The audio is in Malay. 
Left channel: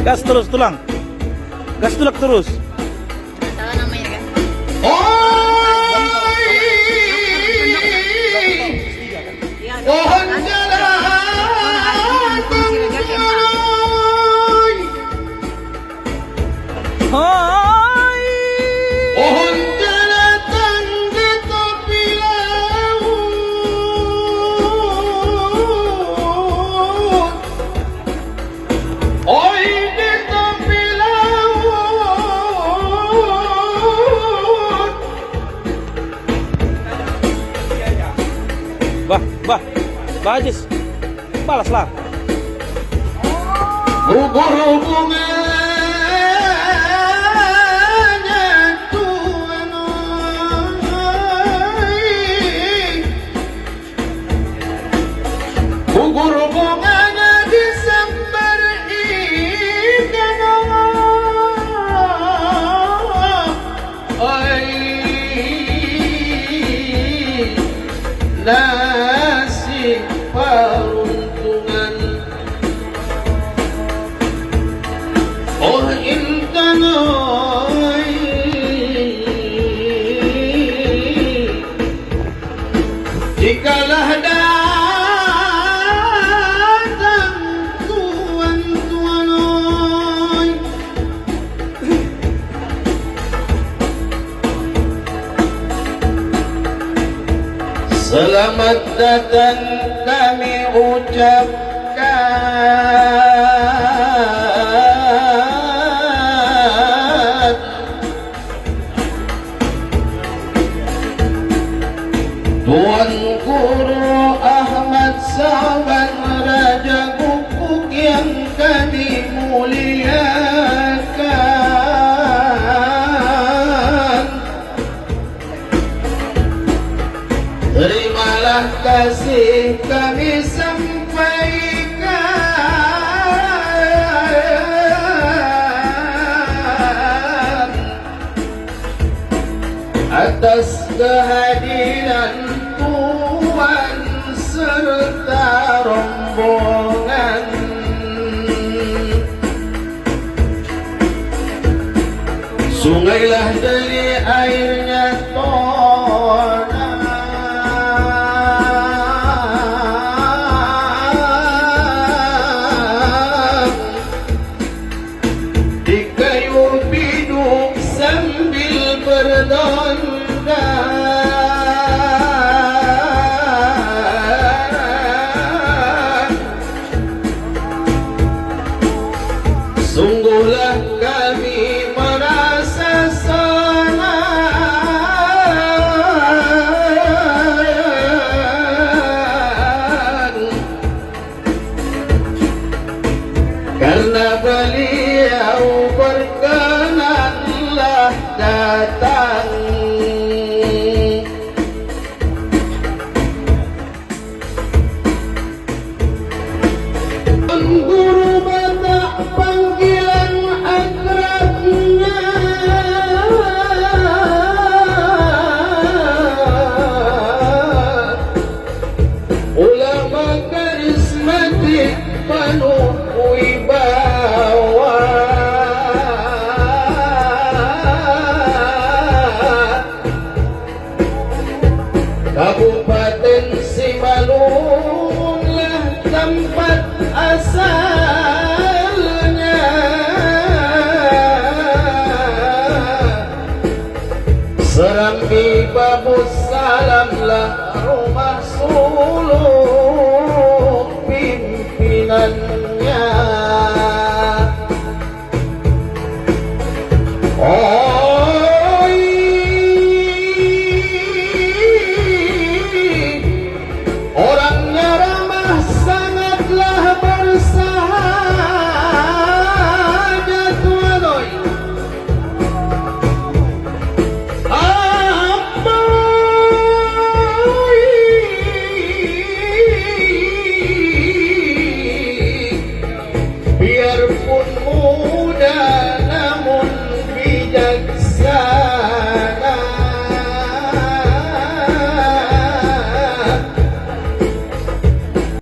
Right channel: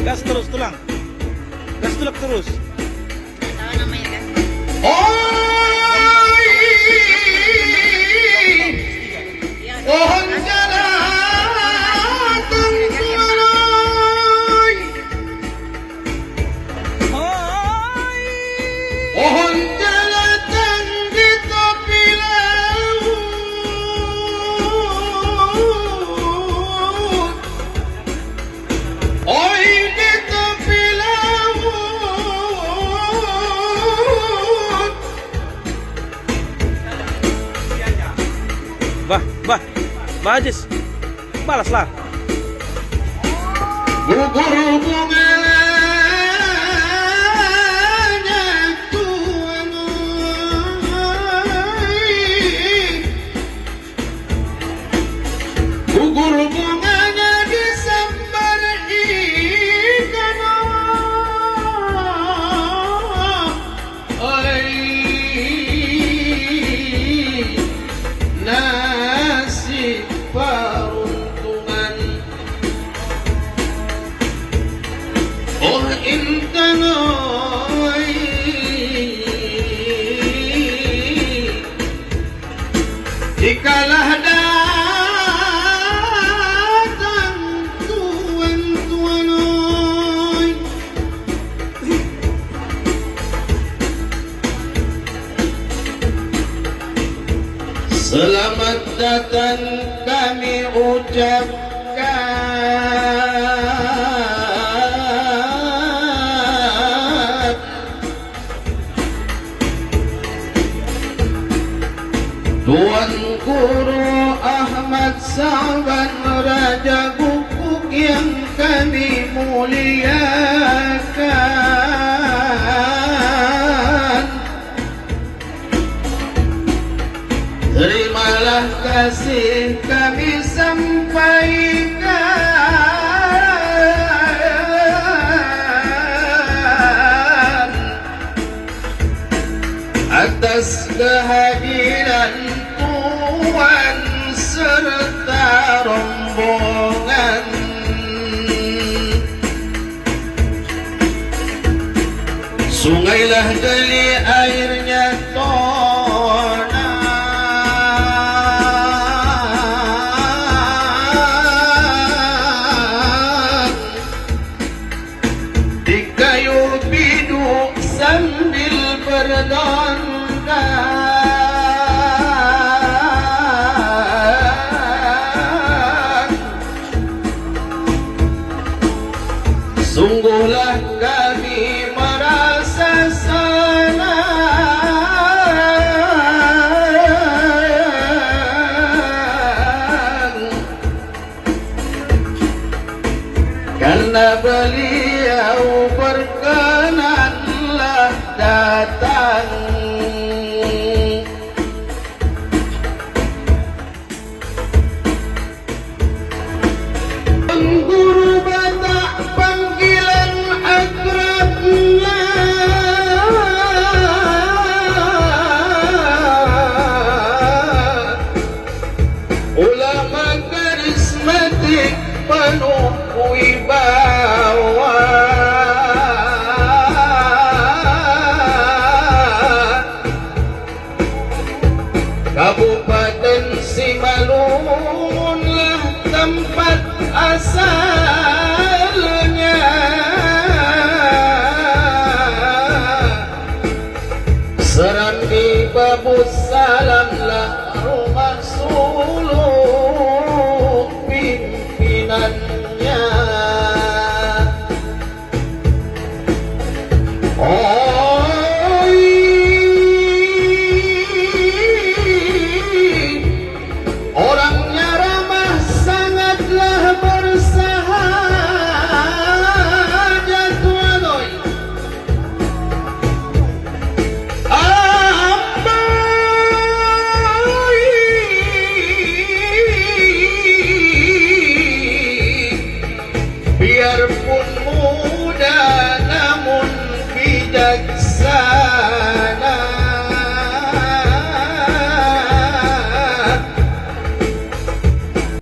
Gas terus tulang. Gas tulak terus. Salah namanya kan. Oi, pohon jalan tumbuh, Hai. pohon jalan di tepi laut. Oi di tepi laut. Bah, Ajis. Balaslah. Gugur bunganya tuai, gugur bunganya disambar ikan. Oi, nasib peruntungan. Oh intan oi, jikalah datang tuan-tuan oi, selamat datang kami ucapkan. Tuan Guru Ahmad Saban Raja Guguk yang kami muliakan, terimalah kasih kami sampaikan atas kehadiran Tuan serta rombongan. Sungailah dali airnya tona, di kayu biduk sambil berdondang. Sungguhlah kami merasa senang karena beliau berkenanlah datang. Guru Batak panggilan akrabnya, ulama karismatik penuh wibawa, Kabupaten Simalunlah tempat asalnya. Serambi Babus Salamlah rumah suluk pimpinannya. Oi, orangnya ramah sangatlah bersahaja tuan oi. Biarpun